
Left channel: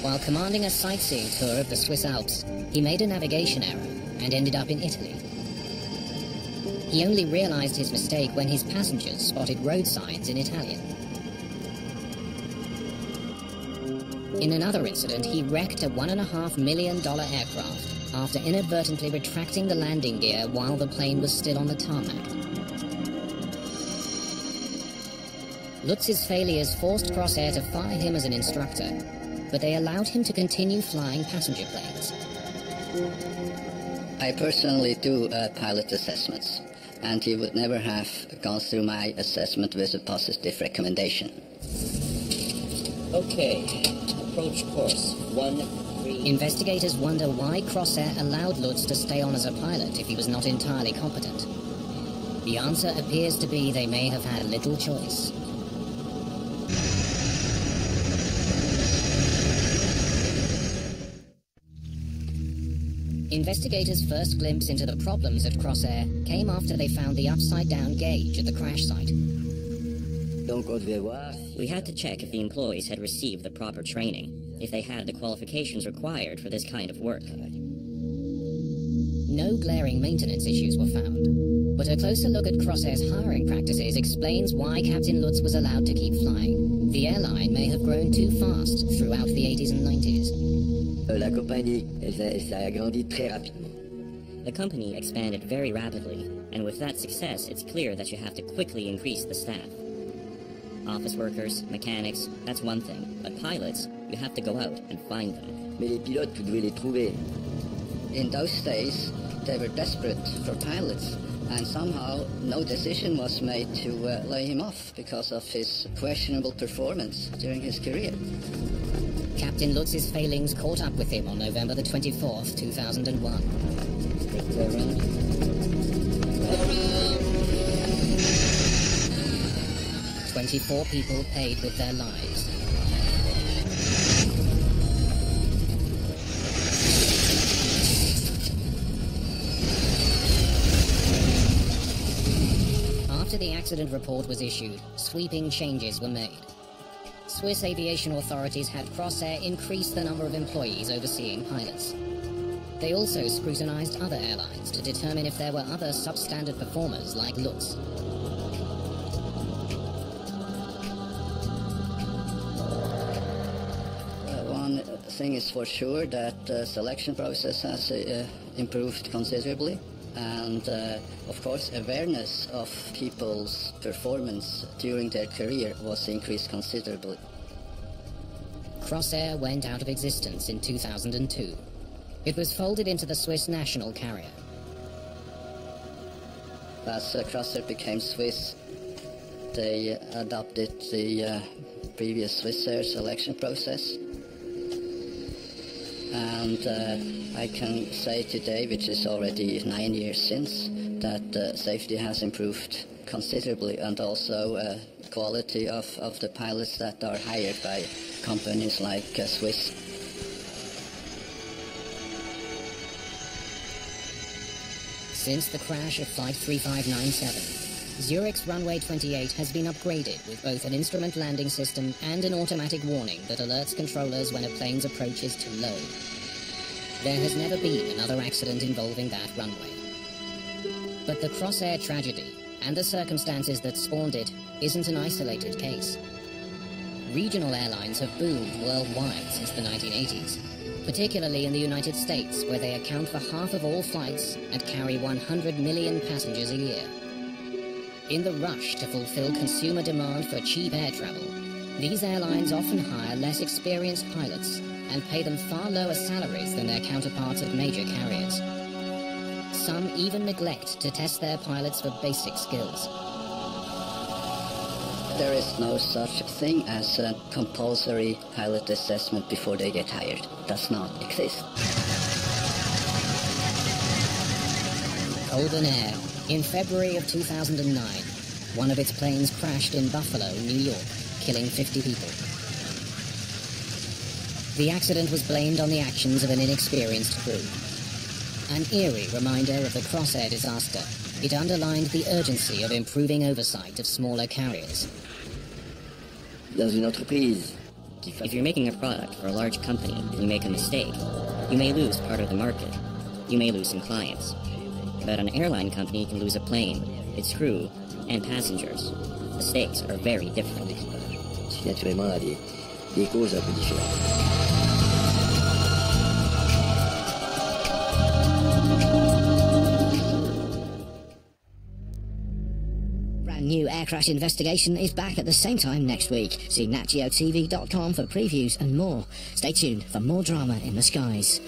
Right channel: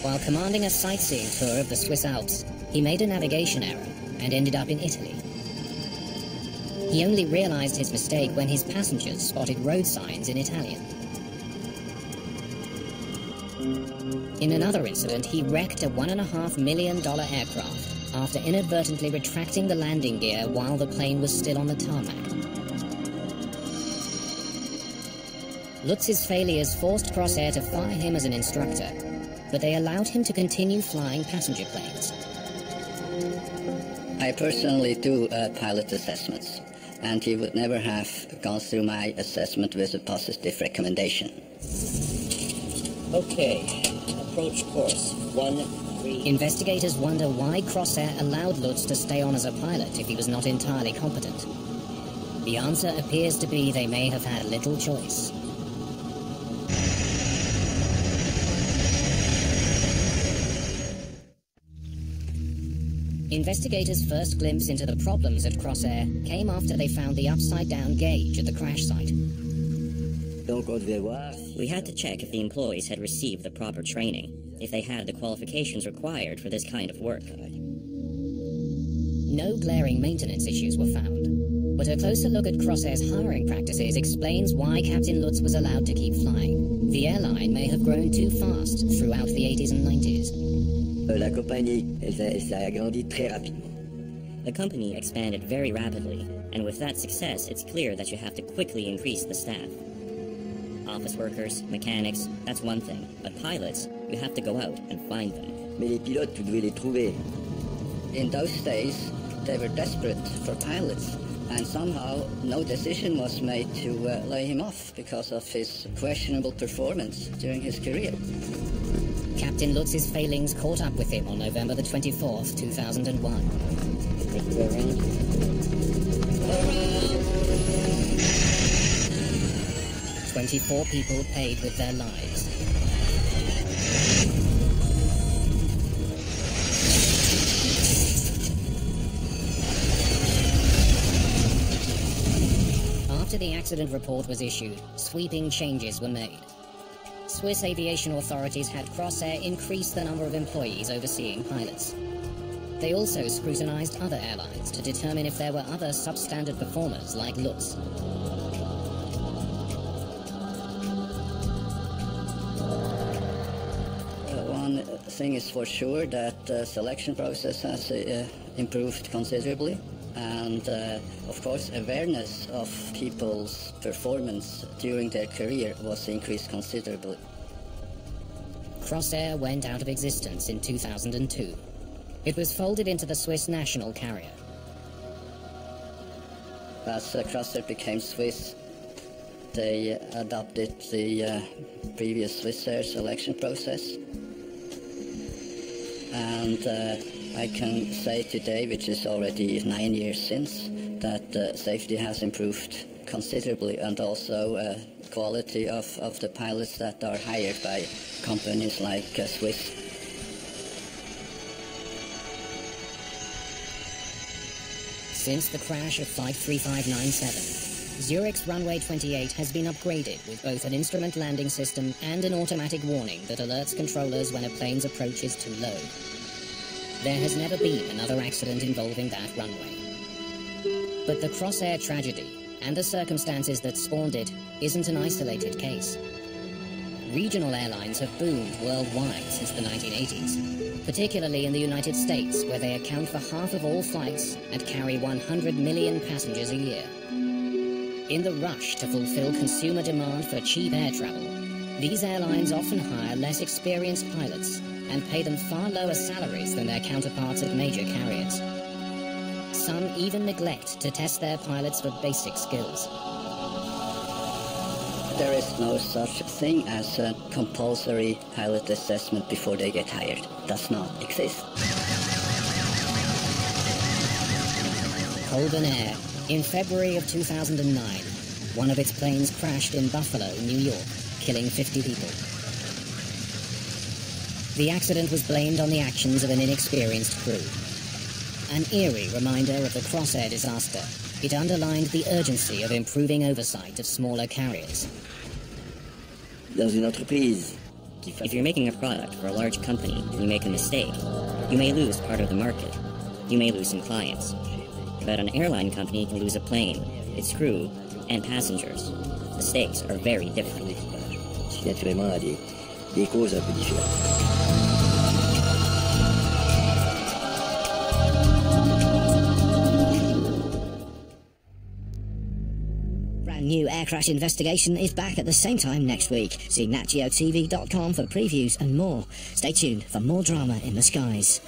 While commanding a sightseeing tour of the Swiss Alps, he made a navigation error and ended up in Italy. He only realized his mistake when his passengers spotted road signs in Italian. In another incident, he wrecked a $1.5 million aircraft after inadvertently retracting the landing gear while the plane was still on the tarmac. Lutz's failures forced Crossair to fire him as an instructor, but they allowed him to continue flying passenger planes. I personally do pilot assessments, and he would never have gone through my assessment with a positive recommendation. Okay. Approach course 13. Investigators wonder why Crossair allowed Lutz to stay on as a pilot if he was not entirely competent. The answer appears to be they may have had little choice. Investigators' first glimpse into the problems at Crossair came after they found the upside-down gauge at the crash site. We had to check if the employees had received the proper training, if they had the qualifications required for this kind of work. No glaring maintenance issues were found, but a closer look at Crossair's hiring practices explains why Captain Lutz was allowed to keep flying. The airline may have grown too fast throughout the 80s and 90s. La compagnie, elle s'est agrandie très rapidement. The company expanded very rapidly, and with that success, it's clear that you have to quickly increase the staff. Office workers, mechanics, that's one thing, but pilots, you have to go out and find them. Mais les pilotes, tu devais les trouver. In those days, they were desperate for pilots, and somehow no decision was made to lay him off because of his questionable performance during his career. Captain Lutz's failings caught up with him on November the 24th, 2001. Take go around. Go around! 24 people paid with their lives. After the accident report was issued, sweeping changes were made. Swiss aviation authorities had Crossair increase the number of employees overseeing pilots. They also scrutinized other airlines to determine if there were other substandard performers like Lutz. One thing is for sure that the selection process has improved considerably. And, of course, awareness of people's performance during their career was increased considerably. Crossair went out of existence in 2002. It was folded into the Swiss national carrier. As Crossair became Swiss, they adopted the previous Swissair selection process. And I can say today, which is already 9 years since, that safety has improved considerably, and also quality of the pilots that are hired by companies like Swiss. Since the crash of Flight 3597, Zurich's runway 28 has been upgraded with both an instrument landing system and an automatic warning that alerts controllers when a plane's approach is too low. There has never been another accident involving that runway. But the Crossair tragedy, and the circumstances that spawned it, isn't an isolated case. Regional airlines have boomed worldwide since the 1980s, particularly in the United States, where they account for half of all flights and carry 100 million passengers a year. In the rush to fulfill consumer demand for cheap air travel, these airlines often hire less experienced pilots and pay them far lower salaries than their counterparts at major carriers. Some even neglect to test their pilots for basic skills. There is no such thing as a compulsory pilot assessment before they get hired. Does not exist. Colgan Air. In February of 2009, one of its planes crashed in Buffalo, New York, killing 50 people. The accident was blamed on the actions of an inexperienced crew. An eerie reminder of the Crossair disaster. It underlined the urgency of improving oversight of smaller carriers. Dans une entreprise, If you're making a product for a large company and you make a mistake, you may lose part of the market. You may lose some clients. But an airline company can lose a plane, its crew, and passengers. The stakes are very different. ce qui naturellement a des causes un peu différentes. Brand new air crash investigation is back at the same time next week. See natgeotv.com for previews and more. Stay tuned for more drama in the skies.